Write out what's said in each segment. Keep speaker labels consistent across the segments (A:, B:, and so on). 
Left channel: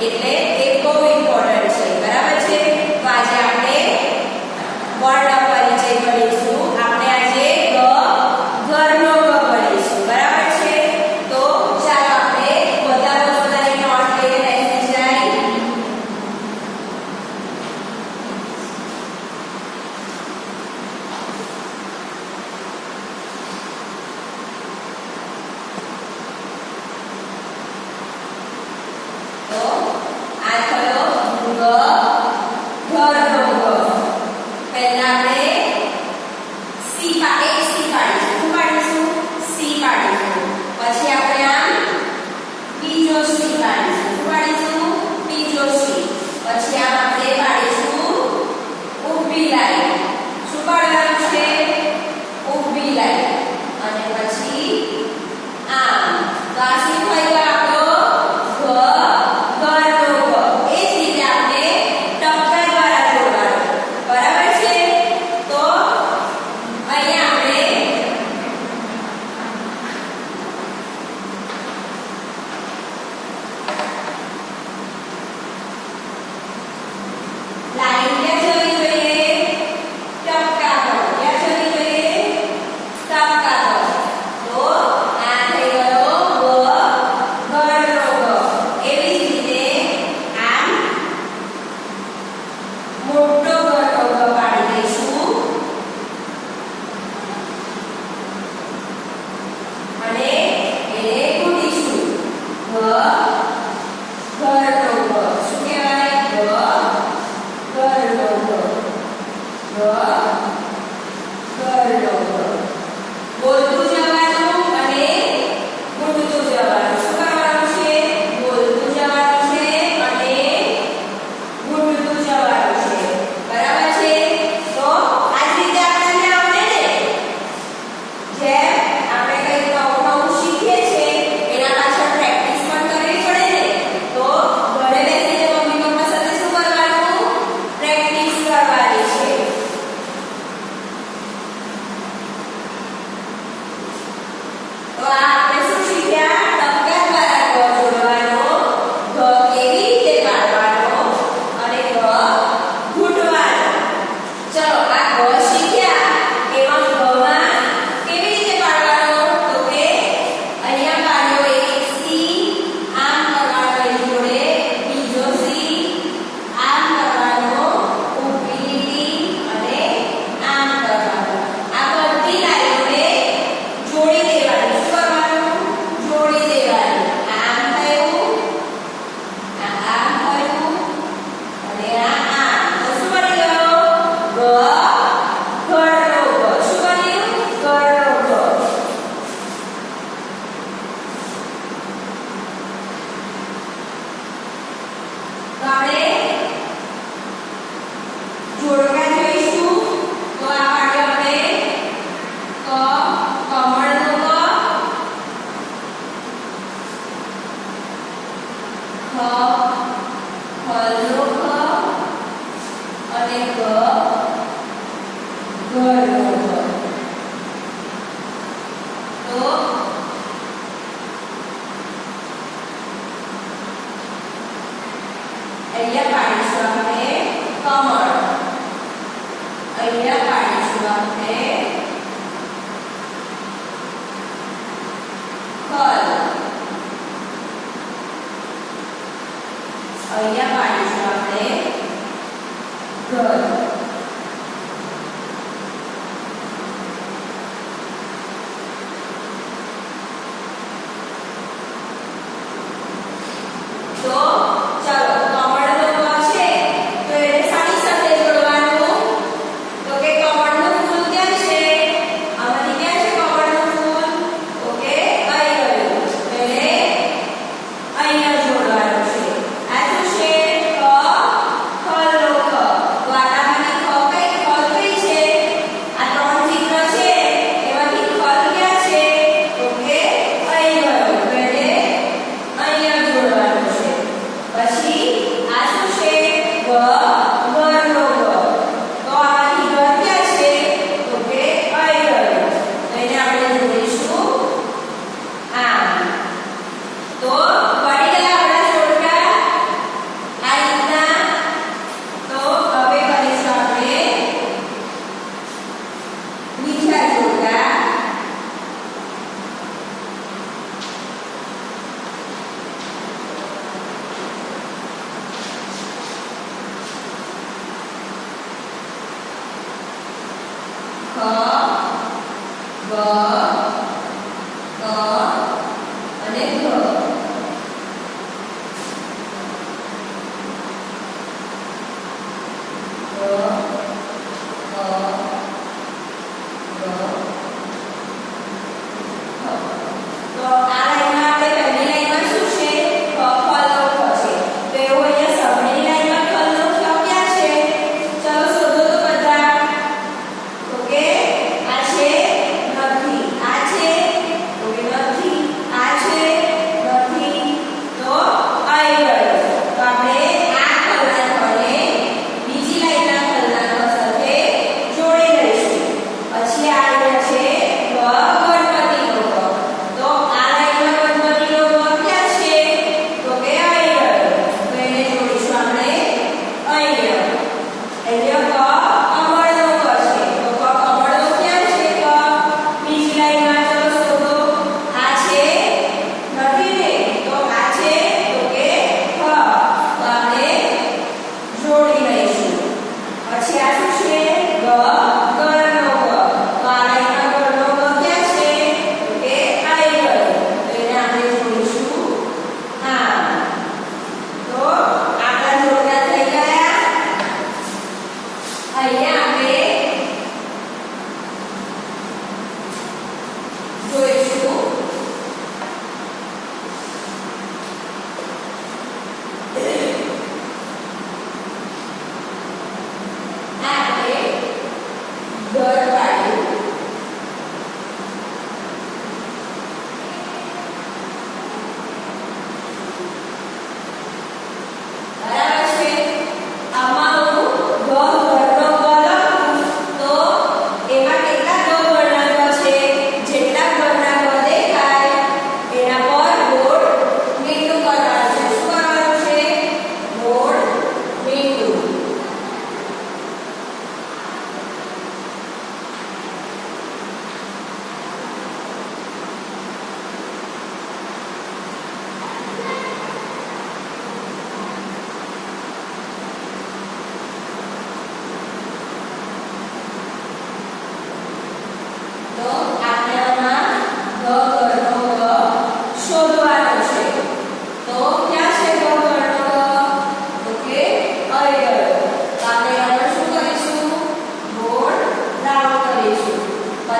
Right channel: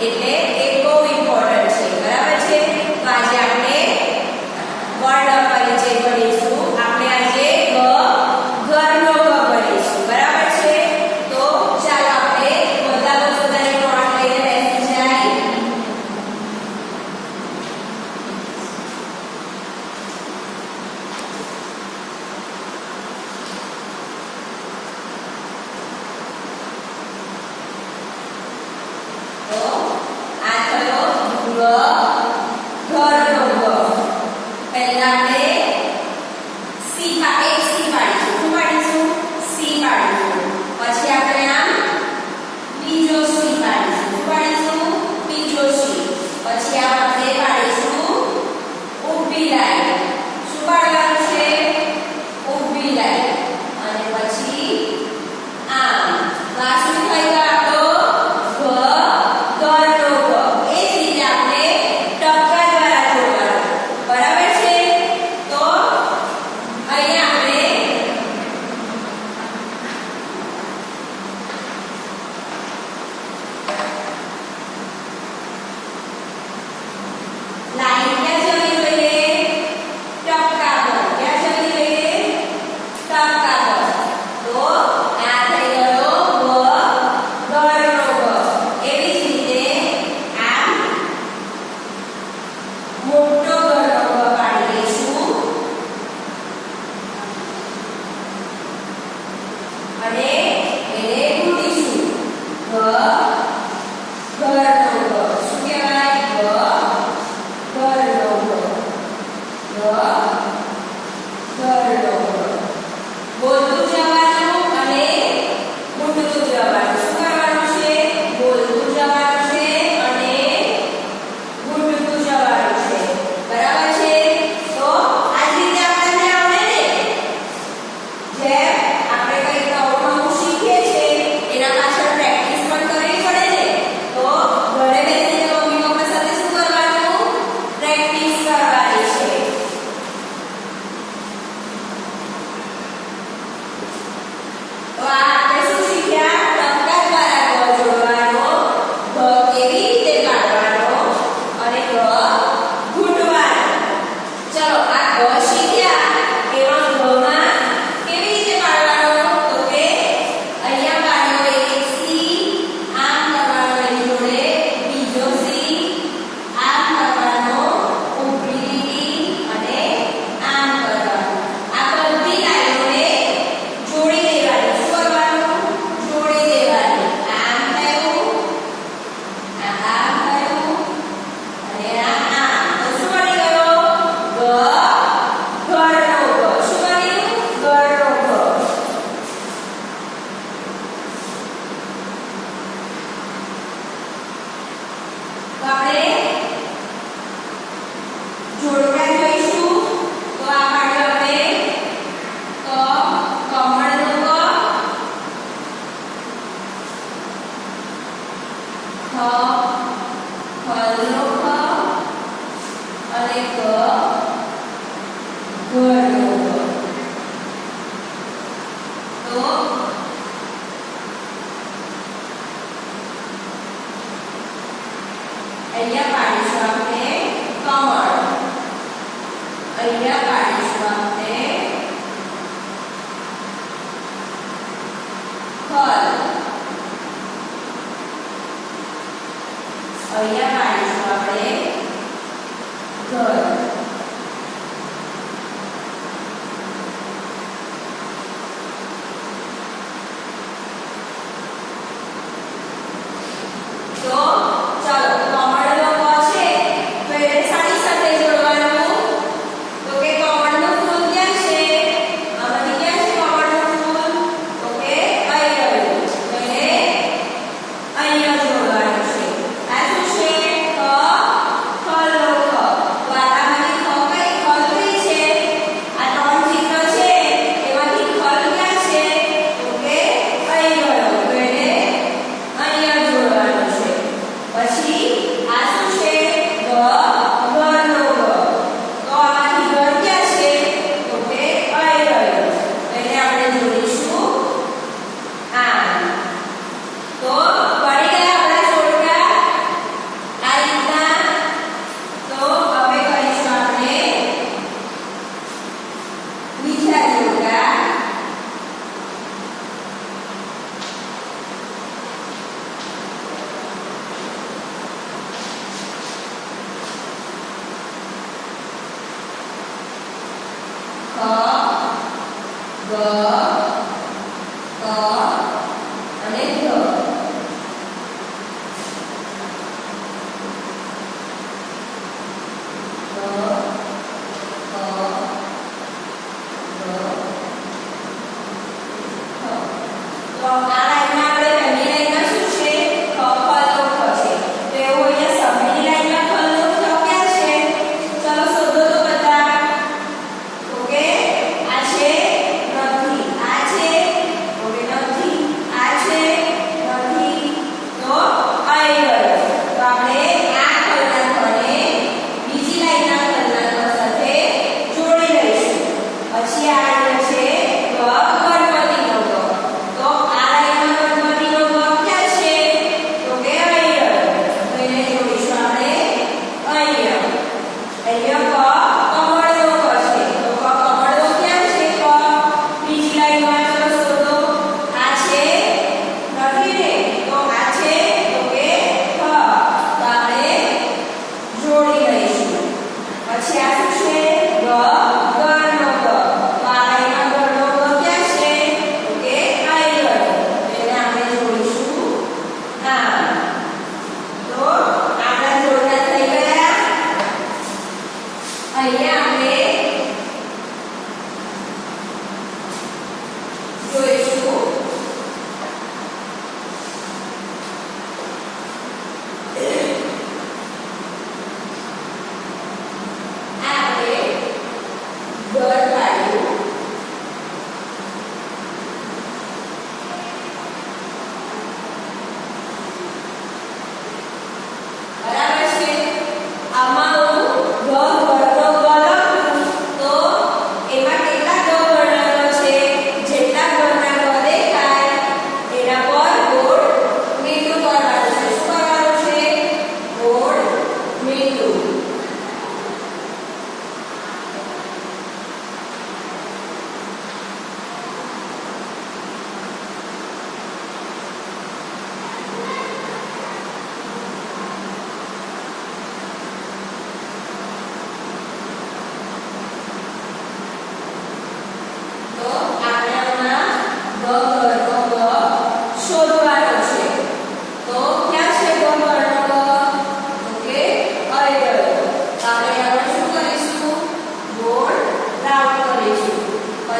A: એટલે એ બહુ ઇમ્પોર્ટન્ટ છે. બરાબર છે? તો આજે આપણે વર્ણ khó khó lúc khó અને ક ગળો તો અહીંયા પાડીશું આપણે કમળ અહીંયા પાડીશું આપણે 我爷爷 Eliab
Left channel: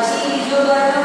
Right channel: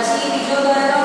A: Brasil e Rio